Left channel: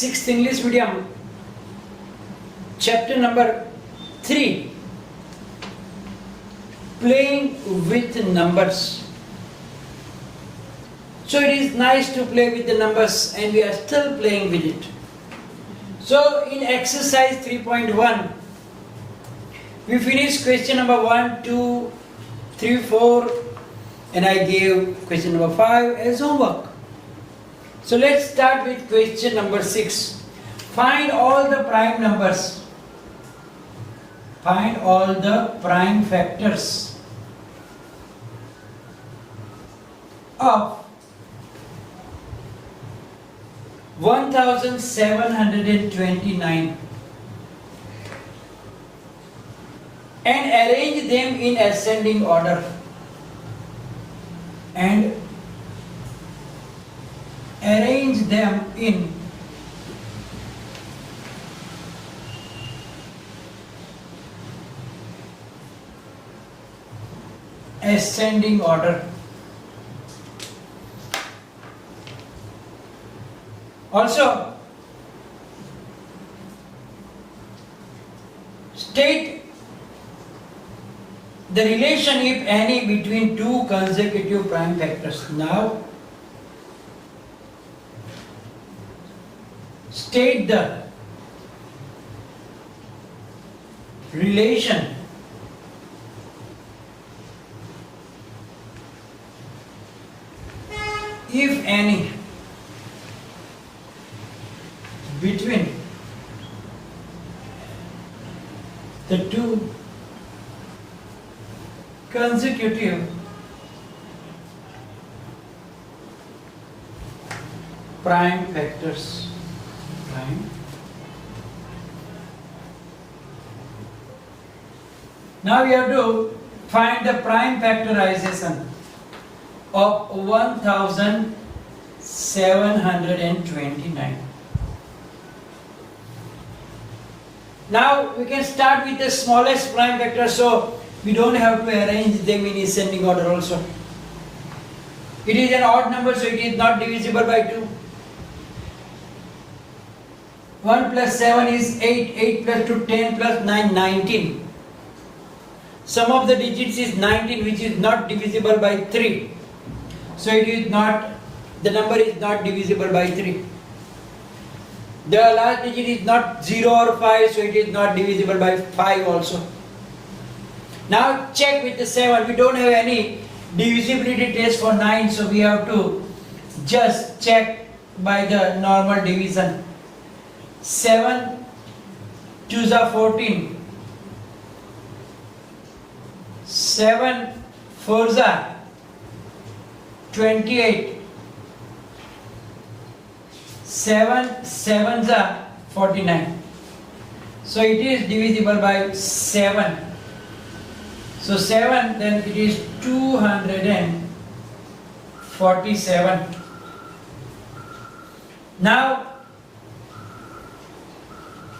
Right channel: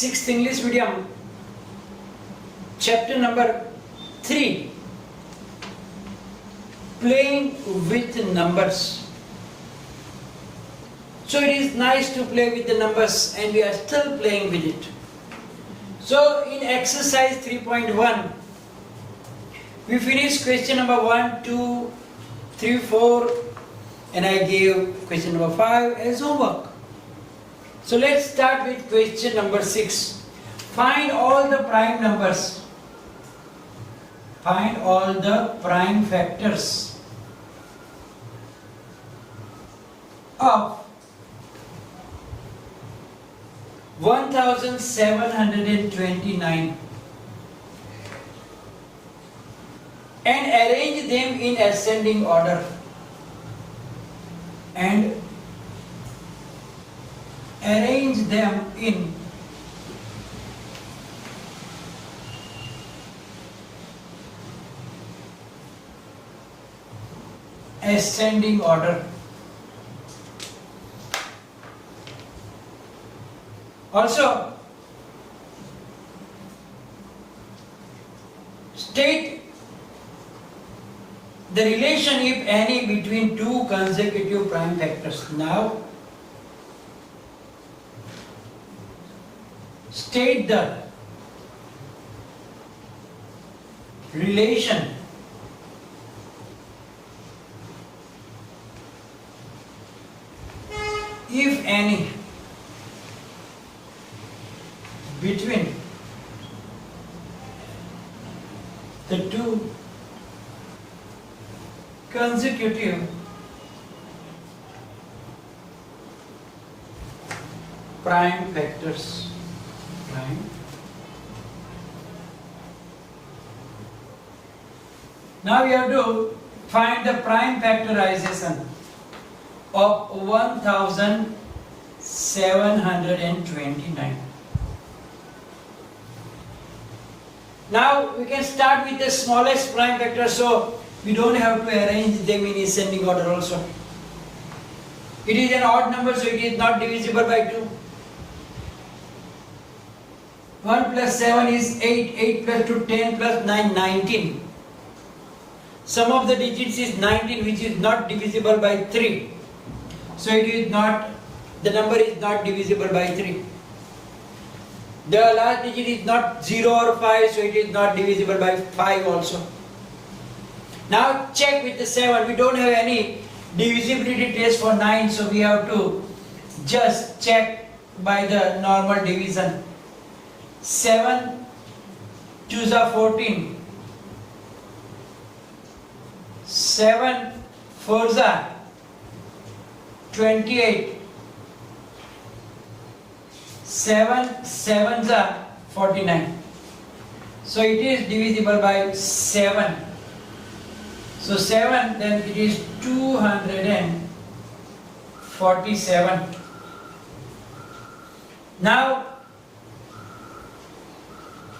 6th English medium, chapter number 3, playing with numbers. So it is nice to play with the numbers and we are still playing with it. So in exercise 3.1, we finished question number 1, 2, 3, 4 and I gave question number 5 as homework. So let's start with question number 6. Find all the prime numbers. Find all the prime factors of 1729 and arrange them in ascending order. And arrange them in ascending order. Also, state the relation, if any, between two consecutive prime factors. Now, state the relation if any between the two consecutive prime factors. Now we have to find the prime factorization of 1729. Now we can start with the smallest prime factor, so we don't have to arrange them in ascending order also. It is an odd number, so it is not divisible by 2. 1 plus 7 is 8, 8 plus 2, 10 plus 9, 19. Sum of the digits is 19, which is not divisible by 3. So it is not, the number is not divisible by 3. The last digit is not 0 or 5, so it is not divisible by 5 also. Now check with the 7. We don't have any divisibility test for 9, so we have to just check by the normal division. 7 2s are 14. 7 4s are 28. 7 7s are 49. So it is divisible by 7. So 7, then it is 247. Now,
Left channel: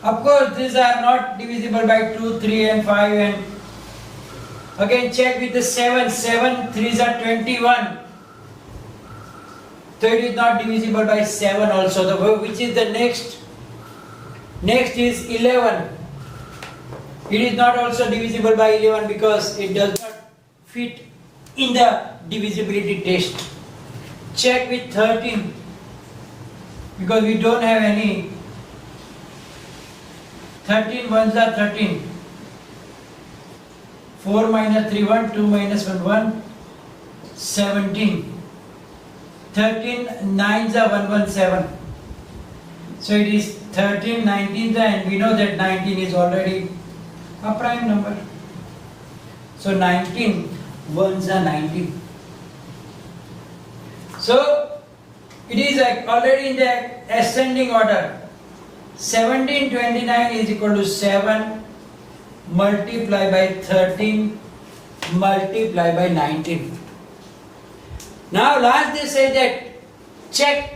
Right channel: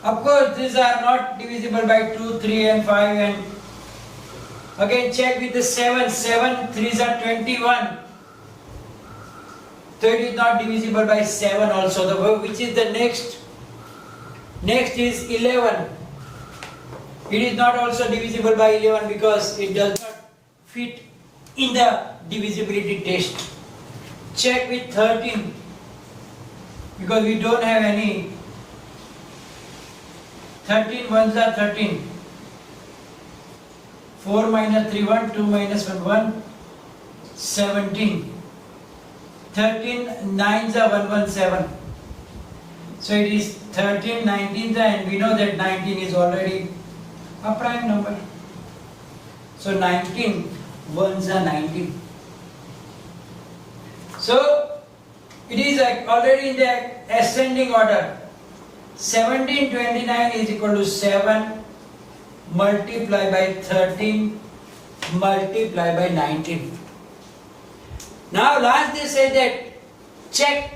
of course, these are not divisible by 2, 3 and 5, and again check with the 7. 7 3s are 21. So it is not divisible by 7 also. Which is the next? Next is 11. It is not also divisible by 11 because it does not fit in the divisibility test. Check with 13 because we don't have any. 13 1s are 13. 4 minus 3 1, 2 minus 1 1, 17. 13 9s are 117. So it is 13 19s, and we know that 19 is already a prime number. So 19 1s are 19. So it is already in the ascending order. 1729 is equal to 7 multiplied by 13 multiplied by 19. Now last they say that check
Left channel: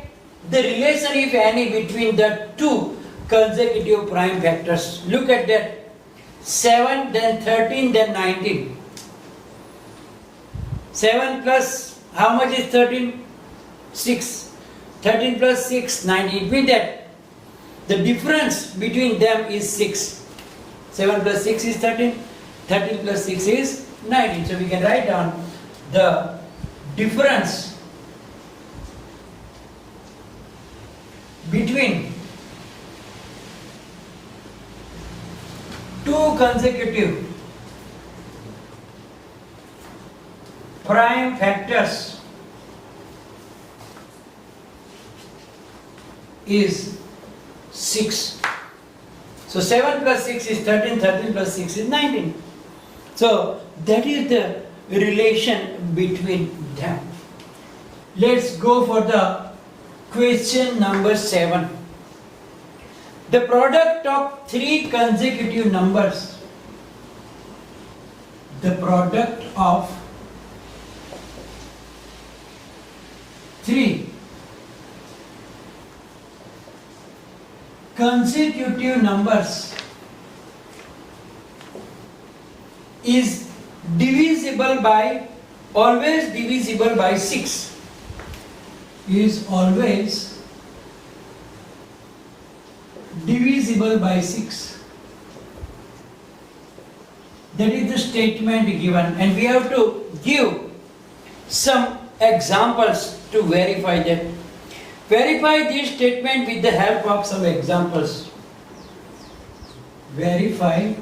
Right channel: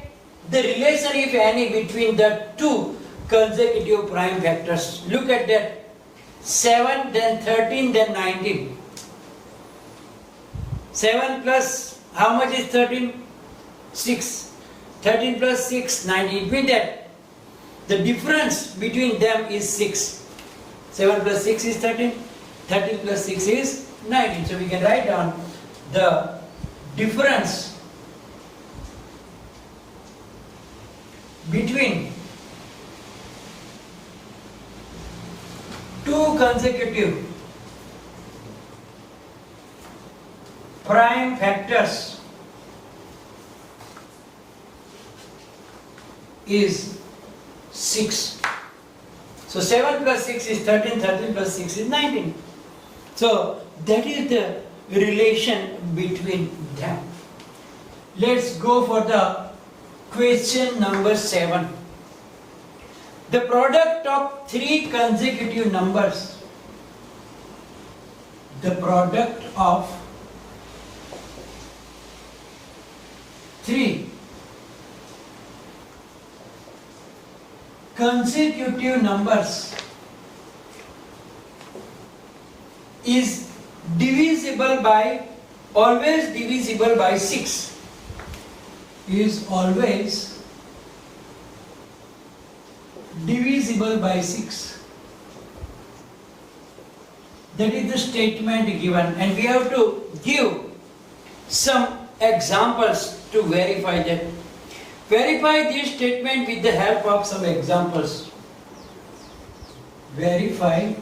the relation, if any, between the two consecutive prime factors. Look at that. 7, then 13, then 19. 7 plus, how much is 13? 6. 13 plus 6, 19. It means that The difference between them is 6. 7 plus 6 is 13. 13 plus 6 is 19. So we can write down the difference between two consecutive prime factors is 6. So 7 plus 6 is 13, 13 plus 6 is 19. So that is the relation between them. Let's go for the question number 7. The product of three consecutive numbers. The product of three consecutive numbers is divisible by, always divisible by 6. Is always divisible by 6. That is the statement given, and we have to give some examples to verify that. Verify this statement with the help of some examples. Verify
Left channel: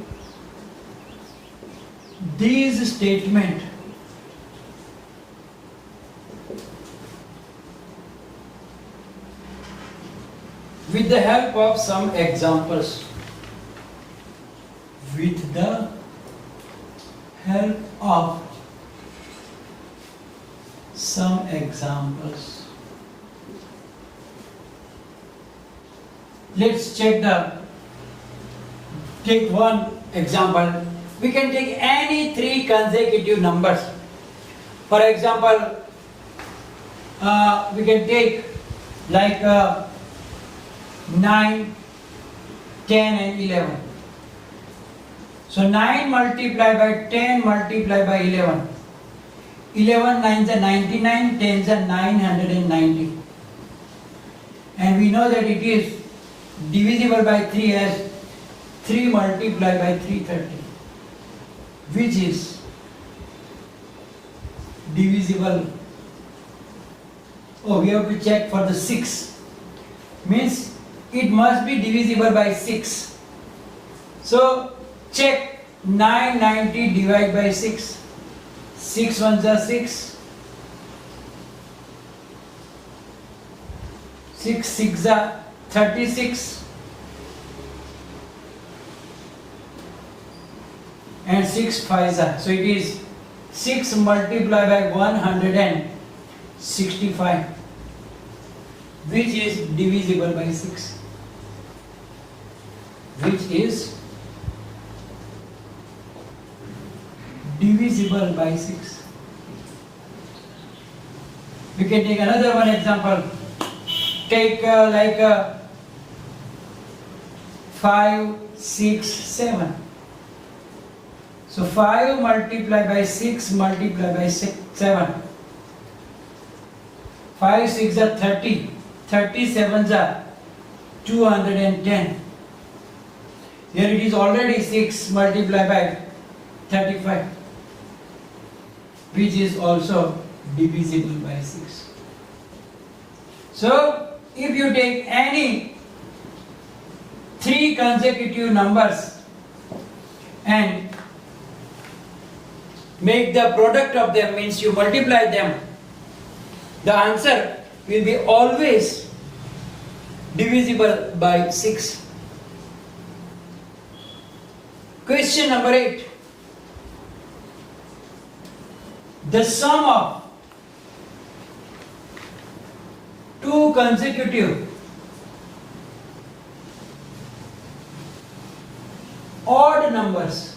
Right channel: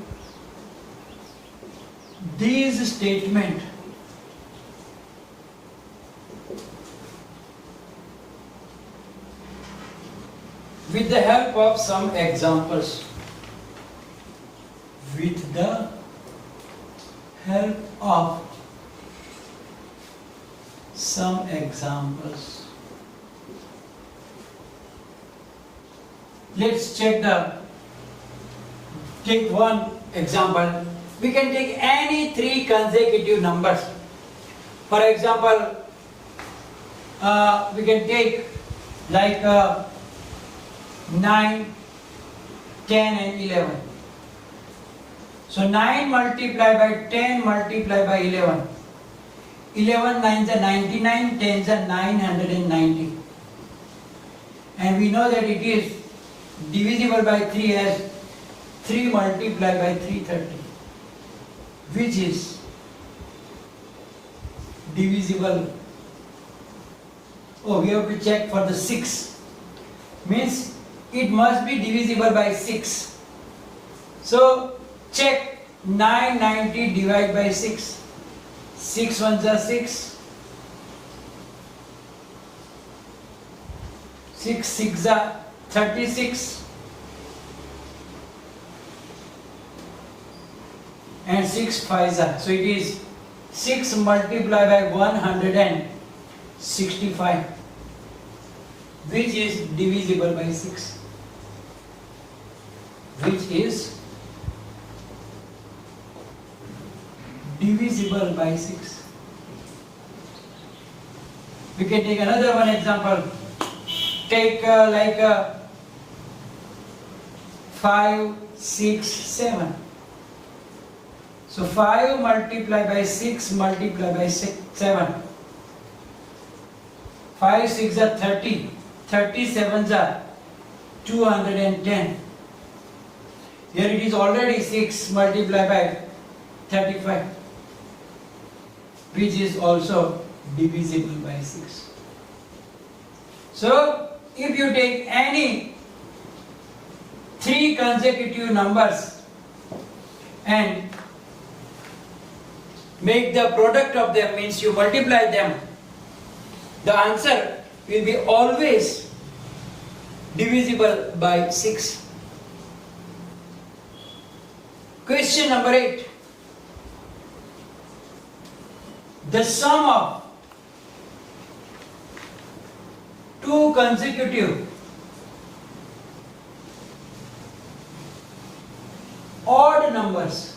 this statement with the help of some examples. With the help of some examples. Let's take one example. We can take any three consecutive numbers. For example, we can take like 9, 10 and 11. So 9 multiplied by 10 multiplied by 11. 11 9s are 99, 10s are 990. And we know that it is divisible by 3 as 3 multiplied by 330, which is divisible. Oh, we have to check for the 6. Means it must be divisible by 6. So check 990 divided by 6. 6 ones are 6. 6 6 are 36. And 6 5s are. So it is 6 multiplied by 165, which is divisible by 6. Which is divisible by 6. We can take another one example. Take 5, 6, 7. So 5 multiplied by 6 multiplied by 7. 5 6 are 30. 37s are 210. Here it is already 6 multiplied by 35, which is also divisible by 6. So if you take any three consecutive numbers and make the product of them, means you multiply them, the answer will be always divisible by 6. Question number 8. The sum of two consecutive odd numbers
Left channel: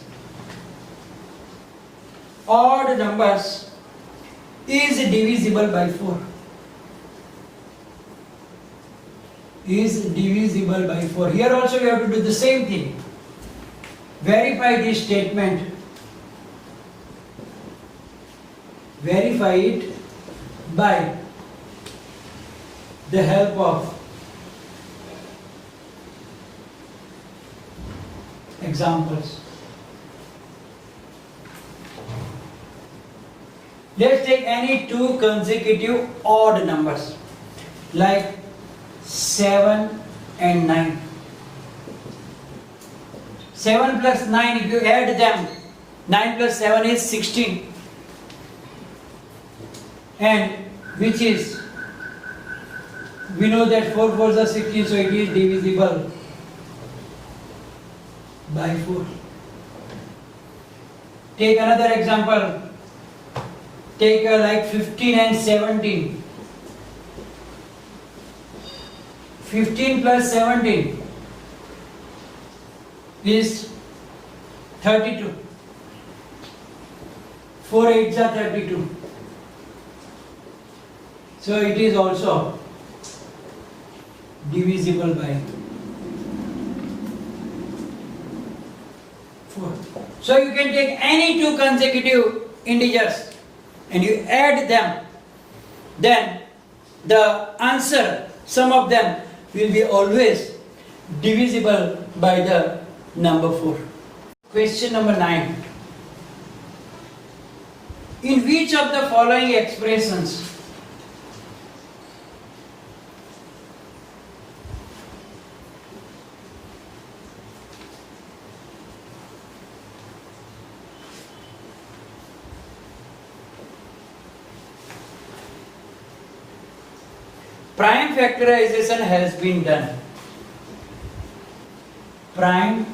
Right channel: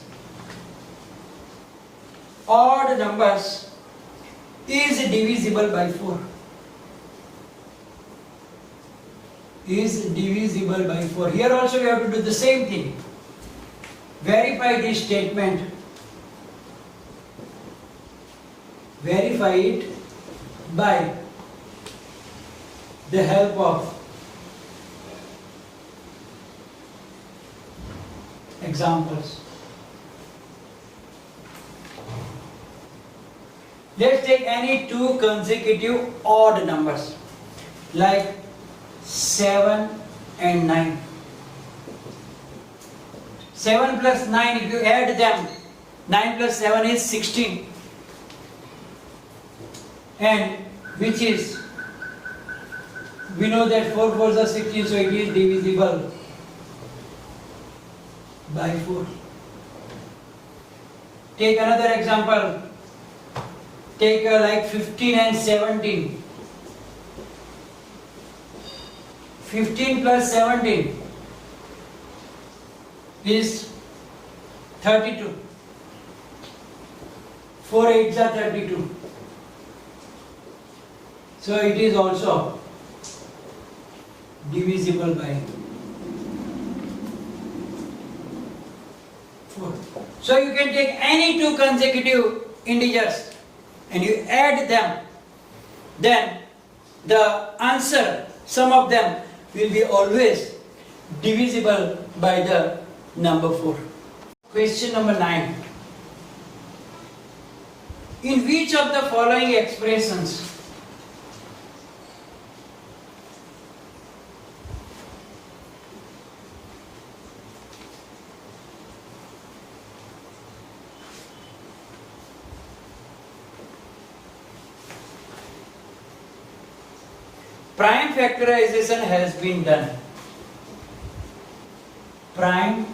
is divisible by 4. Is divisible by 4. Here also you have to do the same thing. Verify this statement. Verify it by the help of examples. Let's take any two consecutive odd numbers like 7 and 9. 7 plus 9, if you add them, 9 plus 7 is 16. And which is, we know that 4 fours are 16, so it is divisible by 4. Take another example. Take like 15 and 17. 15 plus 17 is 32. 4 8s are 32. So it is also divisible by 4. So you can take any two consecutive integers and you add them, then the answer, sum of them, will be always divisible by the number 4. Question number 9. In which of the following expressions prime factorization has been done? Prime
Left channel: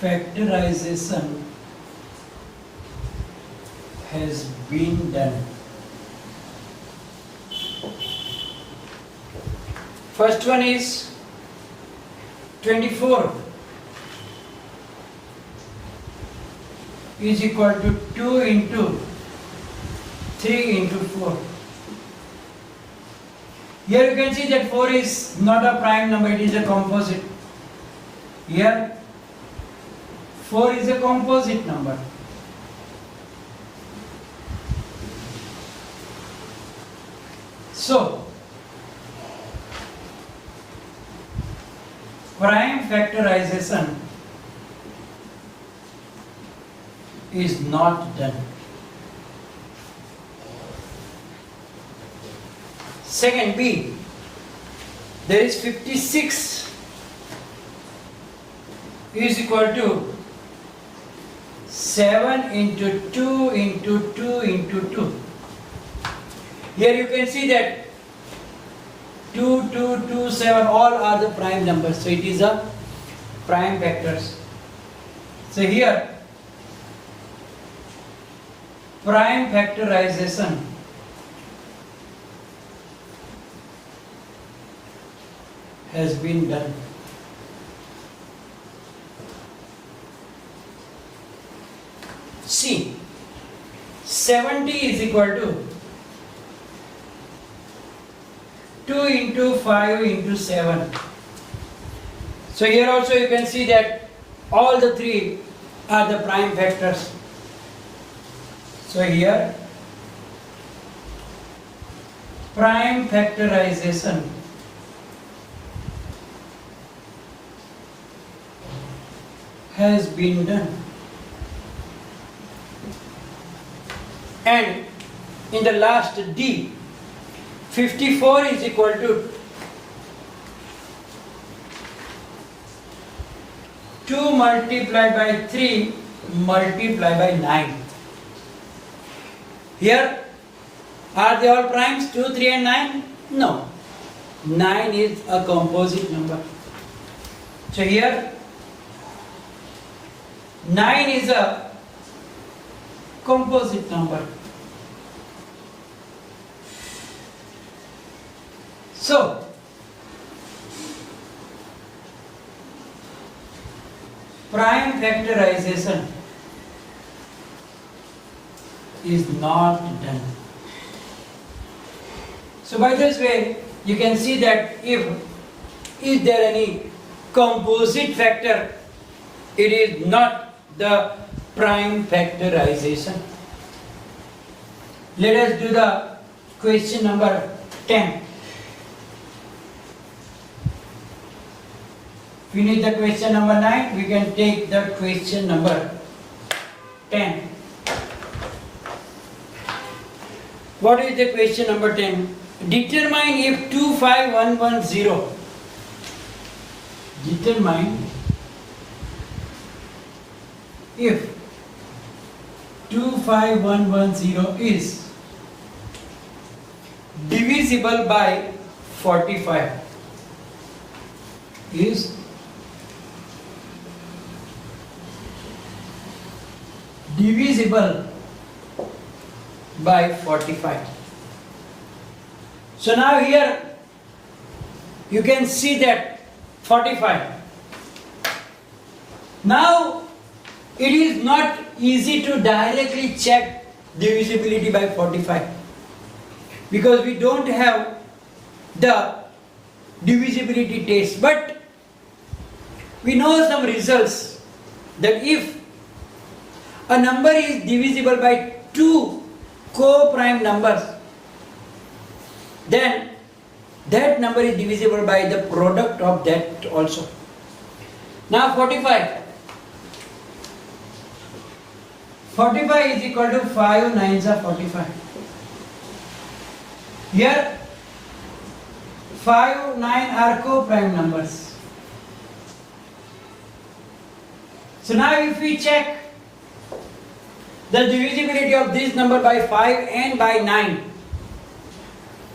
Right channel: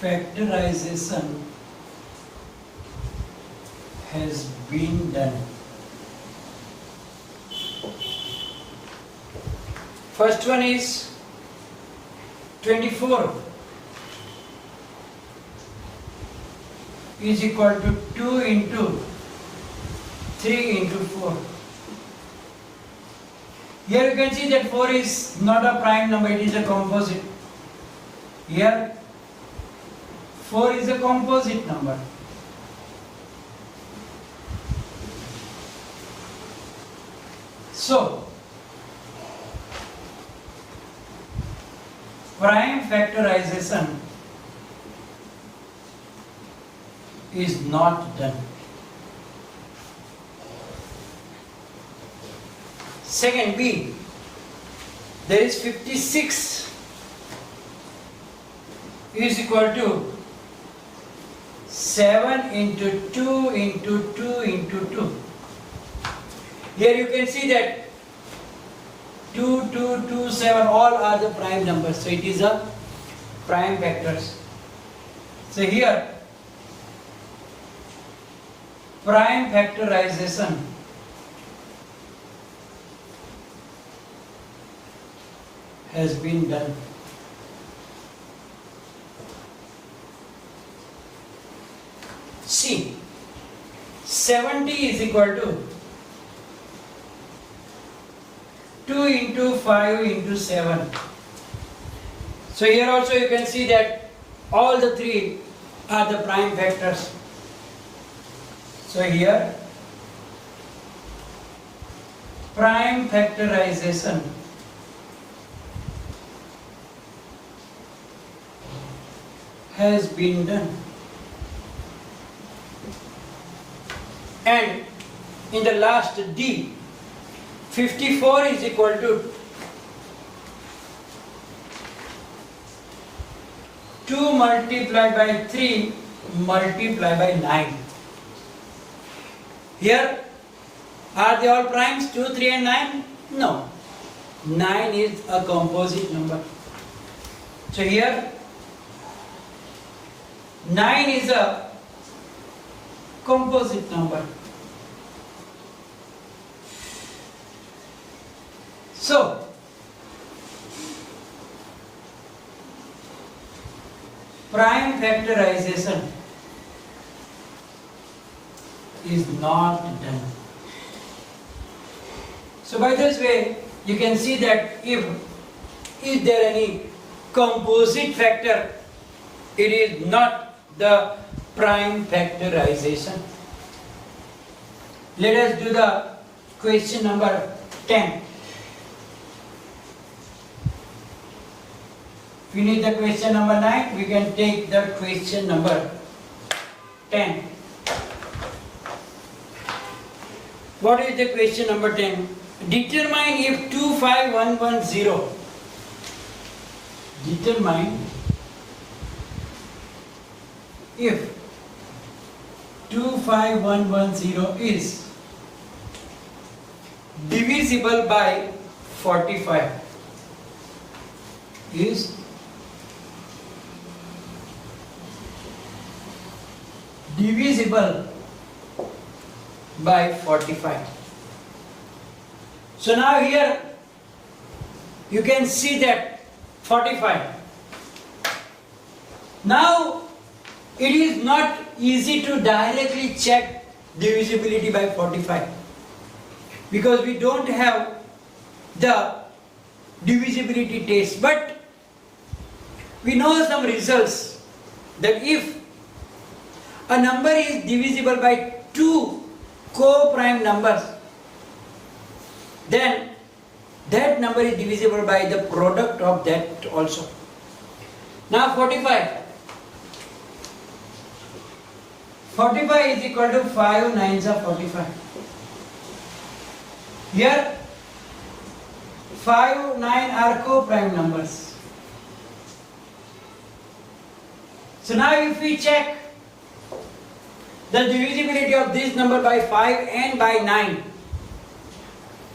factorization has been done. First one is 24 is equal to 2 into 3 into 4. Here you can see that 4 is not a prime number, it is a composite. Here 4 is a composite number. So, prime factorization is not done. Second, B, there is 56 is equal to 7 into 2 into 2 into 2. Here you can see that 2, 2, 2, 7 all are the prime numbers. So it is a prime vectors. So here prime factorization has been done. C, 70 is equal to 2 into 5 into 7. So here also you can see that all the three are the prime factors. So here prime factorization has been done. And in the last D, 54 is equal to 2 multiplied by 3 multiplied by 9. Here, are they all primes? 2, 3 and 9? No. 9 is a composite number. So here, 9 is a composite number. So, prime factorization is not done. So by this way, you can see that if is there any composite factor, it is not the prime factorization. Let us do the question number 10. finish the question number 9, we can take the question number 10. What is the question number 10? Determine if 25110. Determine if 25110 is divisible by 45. Is divisible by 45. So now here you can see that 45. Now it is not easy to directly check divisibility by 45 because we don't have the divisibility test, but we know some results that if a number is divisible by two co-prime numbers, then that number is divisible by the product of that also. Now 45 is equal to 5 9s are 45. Here 5 9 are co-prime numbers. So now if we check the divisibility of this number by 5 and by 9,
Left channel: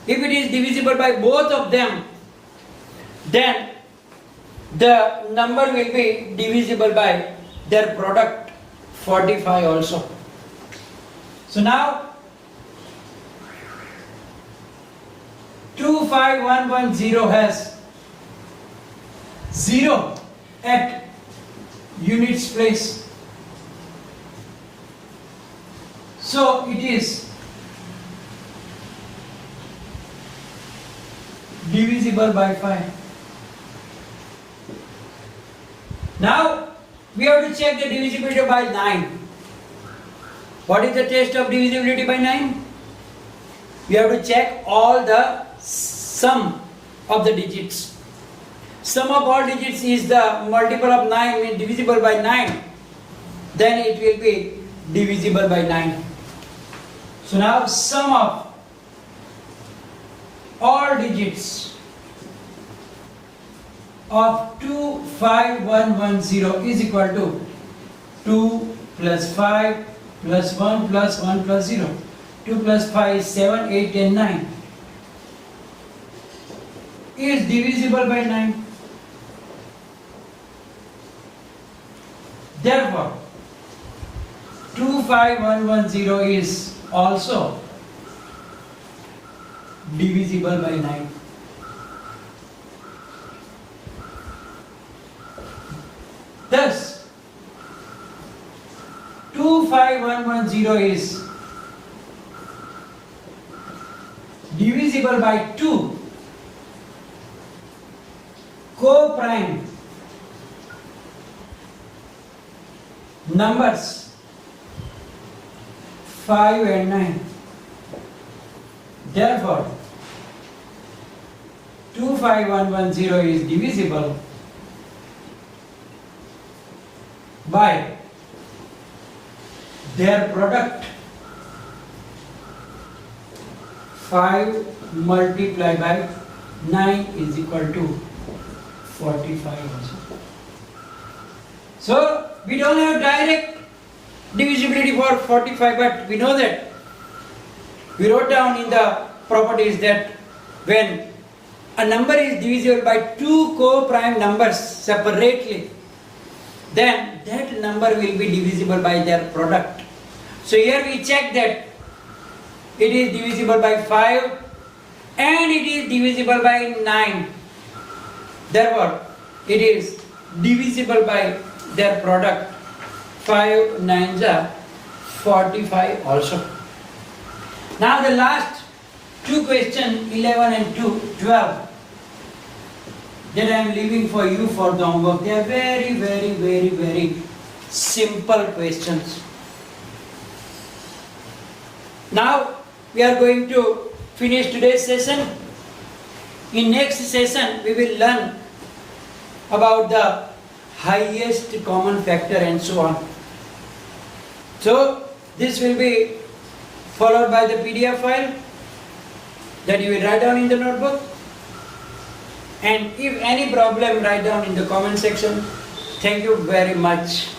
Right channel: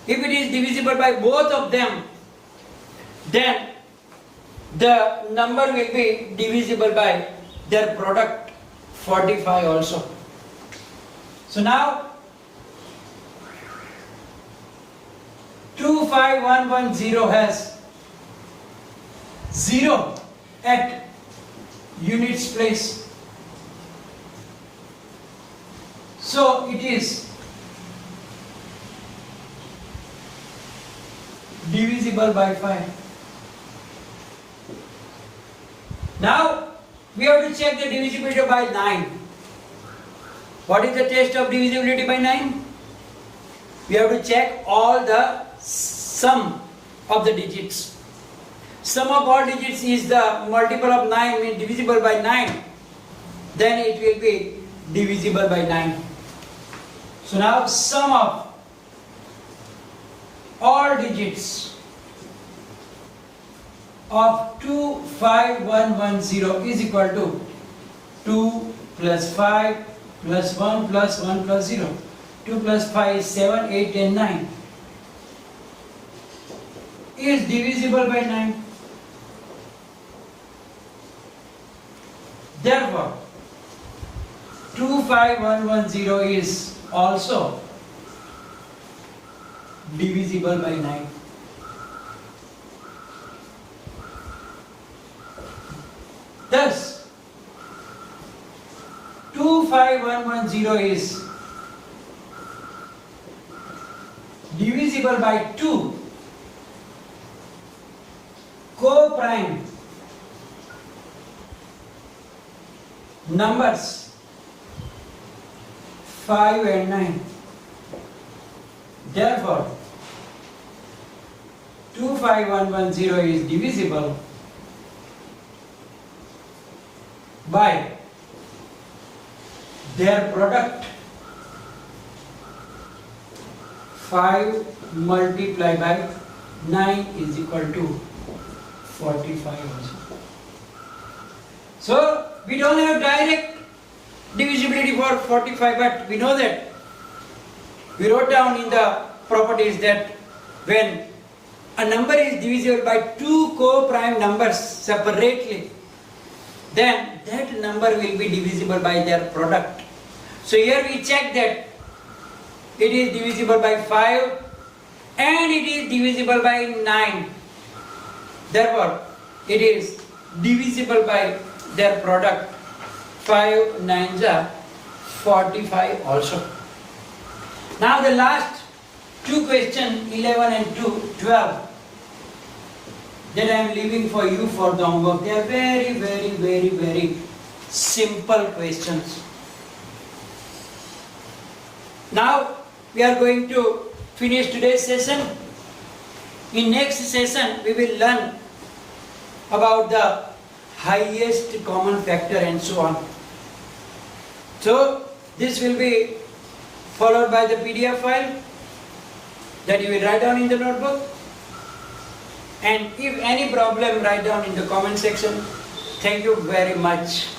if it is divisible by both of them, then the number will be divisible by their product 45 also. So now 25110 has 0 at units place. So it is divisible by 5. Now we have to check the divisibility by 9. What is the test of divisibility by 9? We have to check all the sum of the digits. Sum of all digits is the multiple of 9, means divisible by 9. Then it will be divisible by 9. So now sum of all digits of 25110 is equal to 2 plus 5 plus 1 plus 1 plus 0. 2 plus 5 is 7, 8, 10, 9. Is divisible by 9. Therefore, 25110 is also divisible by 9. Thus, 25110 is divisible by 2 co-prime numbers 5 and 9. Therefore, 25110 is divisible by their product 5 multiplied by 9 is equal to 45 also. So we don't have direct divisibility for 45, but we know that we wrote down in the properties that when a number is divisible by two co-prime numbers separately, then that number will be divisible by their product. So here we check that it is divisible by 5 and it is divisible by 9. Therefore, it is divisible by their product 5 9s are 45 also. Now the last two questions 11 and 12 that I am leaving for you for the homework. They are very simple questions. Now we are going to finish today's session. In next session we will learn about the highest common factor and so on. So this will be followed by the PDF file that you will write down in the notebook, and if any problem, write down in the comment section. Thank you very much.